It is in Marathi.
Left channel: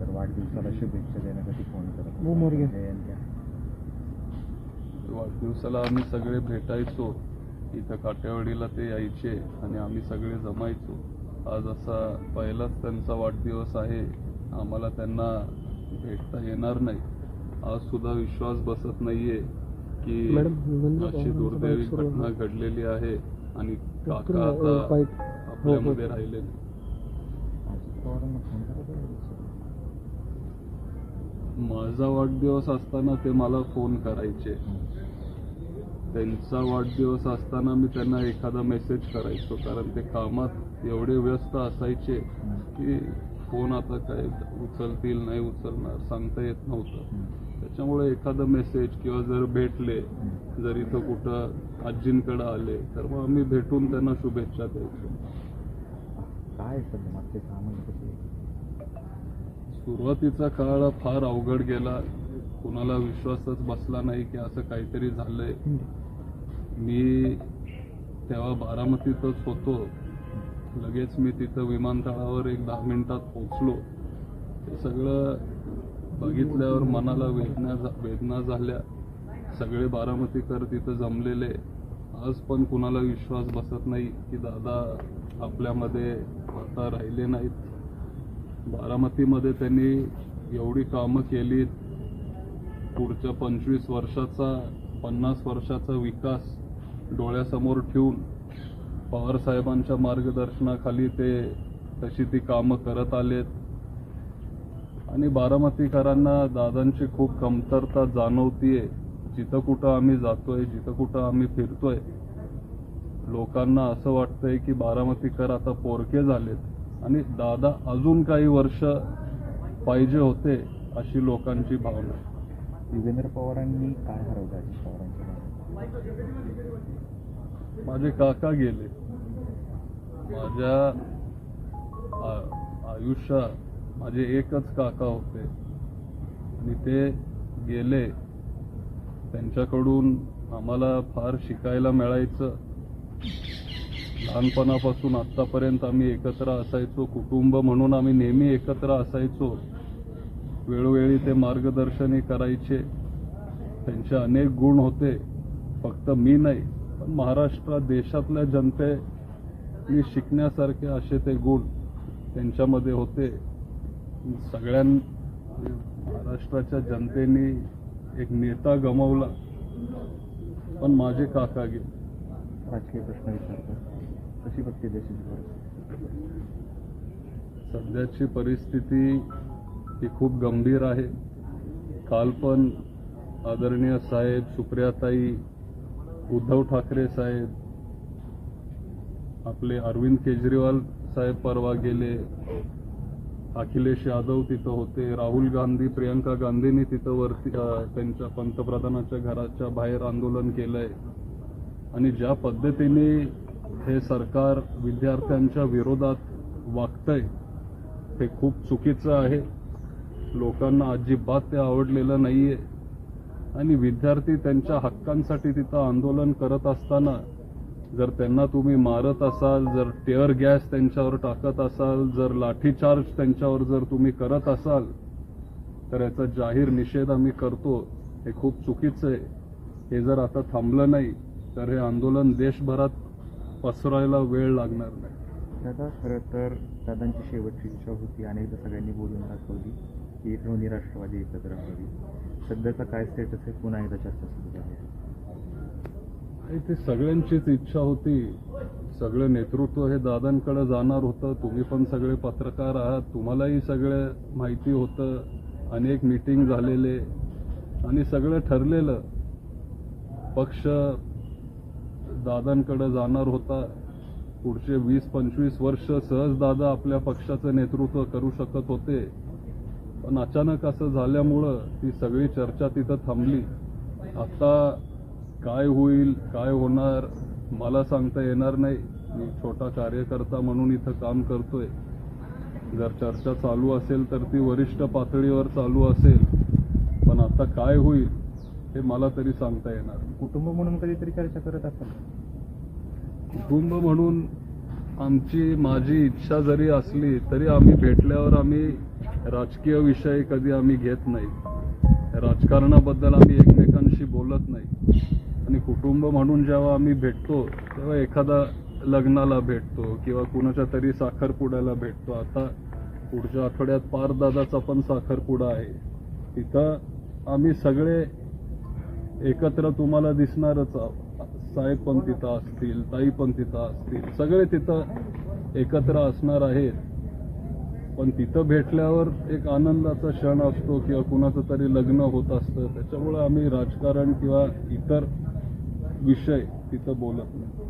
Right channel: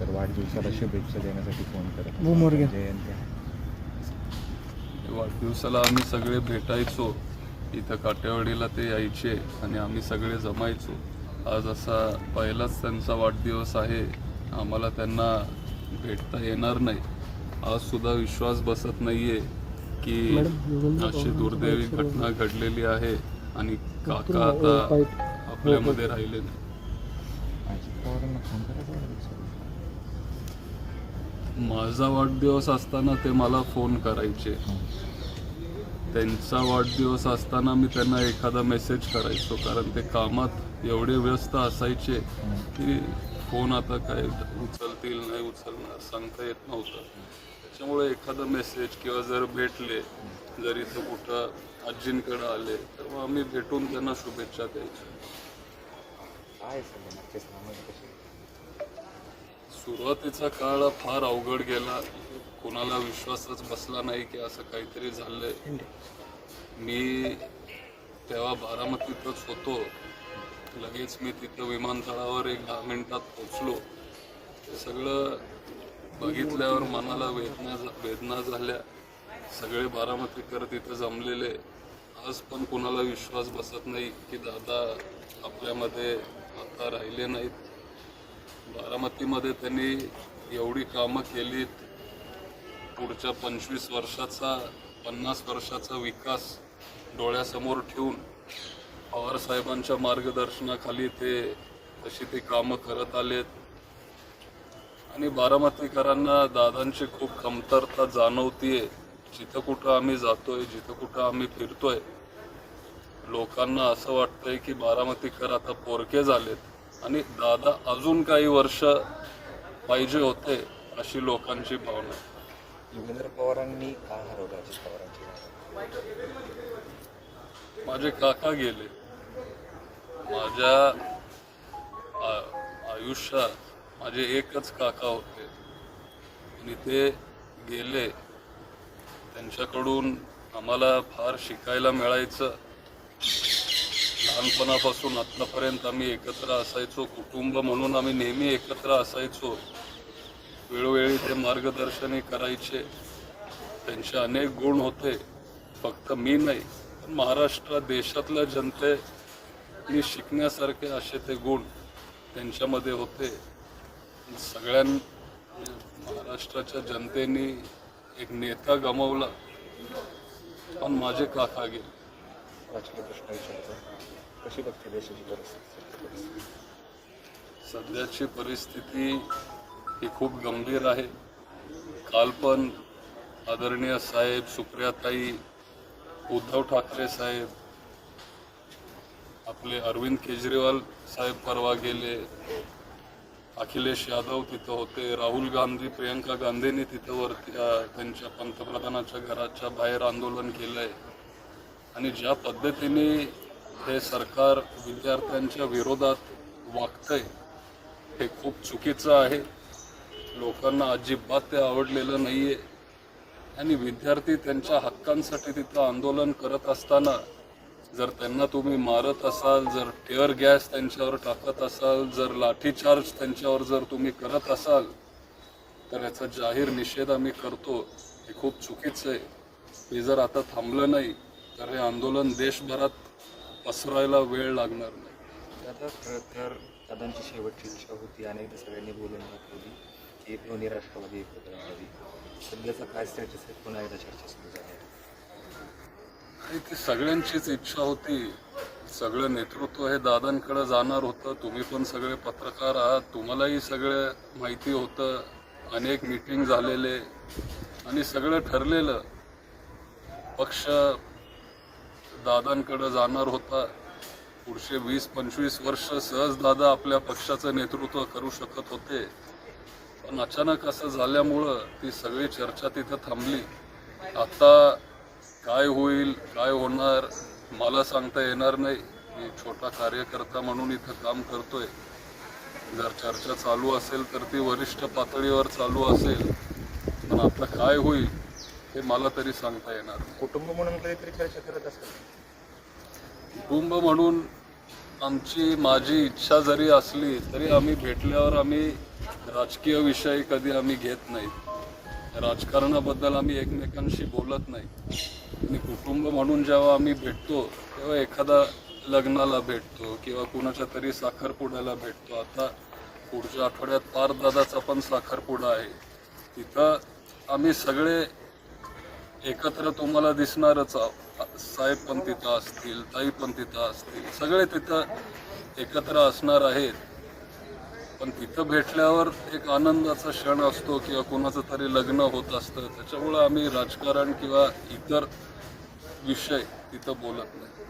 तर वाढदिवसाला शुभेच्छा देण्यासाठी फोन करत वाढदिवसाला आम्ही सगळे भेटायचो, इथं काटेवाडीला ते यायचे आणि आम्ही सगळे जमायचो. आज असा पहिलाच त्यांचा वाढदिवस आहे, आम्हाला त्यांना भेटता येणार नाही. आज सुद्धा विश्वास बसत नाहीये की अशी दुर्दैवी घटना घडलेली आहे आणि काका आता आपल्यामध्ये राहिले नाही. माझा वाढदिवस असताना ते मला फोन करायचे, त्यांचा वाढदिवस असताना मी त्यांना एखादा मेसेज करायचो, कारण ते कामात एवढे व्यस्त असायचे की फोन आता काय उचलतील नाही उचलणार सांगता येत नव्हतं. त्याच्यामुळे एखादा मेसेज किंवा जर भेटले, जर इथं कुठं आजींकडे आले तर मग आम्ही भेटून त्यांना शुभेच्छा द्यायचो. सुरुवातीचा काळ फार अवघड गेला, कोणाला विश्वासच बसला नाही की असं काहीतरी झालंय. मी तेव्हा बारामतीतच होतो, लगेच मी तिथं विमानतळावर एक 10 मिनिटात पोचलो. ते सगळं बघितल्यावर मनाला वेदना झाल्या. सगळे बारामतीकर तिथं जमलेले. आज पण कुणाला विश्वास बसत नाही की दादा आपल्यामध्ये आता राहिले नाहीत. बारामतीमध्ये त्यांनी एवढी कामं केलीत, पुढच्या 25 वर्षाचा 50 वर्षाचा विकास डोळ्यासमोर ठेवून पवारसाहेबांच्या मार्गदर्शनाखाली ते तशी ती कामं करत आलेत. आणि बारामतीकरांना दादांची खूप कमतरता जाणवतीये. जिथं कुठं आम्ही जातोय, जिथं कुठं आम्ही फिरतोय, लोकांना असं वाटतंय की बारामतीकर आता पोरके झालेत आणि दादा अजून काही वर्ष पाहिजे होते, अशी लोकांची भावना. युगेंद्र पवारांनी का हरवलं अजित पवारांची? माझे काका गेले. माझ्या आयुष्यात माझे एकच काका होते आणि ते गेले. त्यांच्याकडून आम्हाला फार शिकायला मिळायचं. लहानपणापासून आत्तापर्यंत आम्ही एकत्र असायचो, कुटुंब म्हणून आम्ही नेहमी एकत्र असायचो. वेळोवेळी ते मार्गदर्शनही करायचे. त्यांचे अनेक गुण होते, फक्त मी नाही पण महाराष्ट्र देशातल्या जनतेने शिकण्यासारखे असे ते गुण त्यांच्यामध्ये होते. महाराष्ट्राच्या जनतेने एक नेता गमावला, पण माझे काका गेले. राजकीय प्रश्न विचारतो, कशी बघते देशाची परिस्थिती? सध्याची परिस्थिती ही खूप गंभीर आहे. काल पण आदरणीय साहेब, सुप्रियाताई, उद्धव ठाकरे साहेब, आपले अरविंद केजरीवाल साहेब परवा गेले, अखिलेश यादव तिथं होते, राहुल गांधी, प्रियंका गांधींनी तिथं वरती त्यांच्या पंतप्रधानाच्या घराच्या बाहेर आंदोलन केलंय. आणि ज्या पद्धतीने हे सरकार विद्यार्थ्यांच्या विरोधात वागतंय हे खूप चुकीचं आहे. लोकांना अजिबात ते आवडलेलं नाहीये. आणि विद्यार्थी त्यांच्या हक्कांसाठी तिथं आंदोलन करत असताना जर त्यांना तुम्ही मारत असाल, जर टिअर गॅस त्यांच्यावर टाकत असाल, जर लाठीचार्ज त्यांच्यावर जर तुम्ही करत असाल, तर याचा जाहीर निषेध आम्ही करतो. हे खूप चुकीचं आहे. हे जर आता थांबलं नाही तर हे आंदोलन देशभरात पसरायला वेळ लागणार नाही. आता खरं तर दादांची शेवटची इच्छा होती, अनेकदा सगळ्यांनी बोलून दाखवली की दोन्ही राष्ट्रवादी एकत्र आणावी. सध्याचा काय स्टेटस आहे? पुन्हा एकदा चर्चा सुरू झाली. ती सगळ्यांचीच इच्छा होती. सगळं नेतृत्व हे दादांकडे जाणार होतं. तुम्ही पण सगळे पत्रकार आहात, तुम्हालाही सगळं माहिती होतं. अनेक मीटिंग झालेले आणि सगळं ठरलेलं. पक्ष दादांकडे जाणार होता. पुढचे 20-25 वर्ष सहज दादा आपल्या पक्षाचं नेतृत्व करू शकत होते. पण अचानक असं झाल्यामुळं ती सगळी चर्चा तिथं थांबली. आता काय होईल, काय होणार मला सांगता येणार नाही. मी छोटा कार्यकर्ता म्हणून इथं काम करतोय. जर चर्चा चालू असेल तर ती वरिष्ठ पातळीवर चालू असेल, पण आता काय होईल हे मला तरी सांगता येणार नाही. कुटुंब म्हणून कधीतरी चर्चा करत असाल? कुटुंब म्हणून माझी इच्छा जरी असली तरी आम्ही भेटल्यावर आम्ही राजकीय विषय कधी आम्ही घेत नाही. राजकारणाबद्दल आम्ही एकमेकांशी बोलत नाही. आणि कुटुंब म्हणून जेव्हा आम्ही भेटतो तेव्हा एखादा लग्नाला भेटतो किंवा कुणाच्या तरी साखरपुड्याला भेटतो. आता पुढच्या आठवड्यात पारदादाचा पण साखरपुडा आहे. तिथं आम्ही सगळे एकत्र तुम्हाला दिसणारच आहोत. साहेब पण तिथं असतील, ताई पण तिथं असतील, सगळे तिथं एकत्र असणार आहेत. पण तिथं भेटल्यावर एक आनंदाचा क्षण असतो किंवा कुणाचं तरी लग्न होत असतं. त्याच्यामुळं आम्ही राजकारण किंवा इतर विषय तिथं बोलत नाही.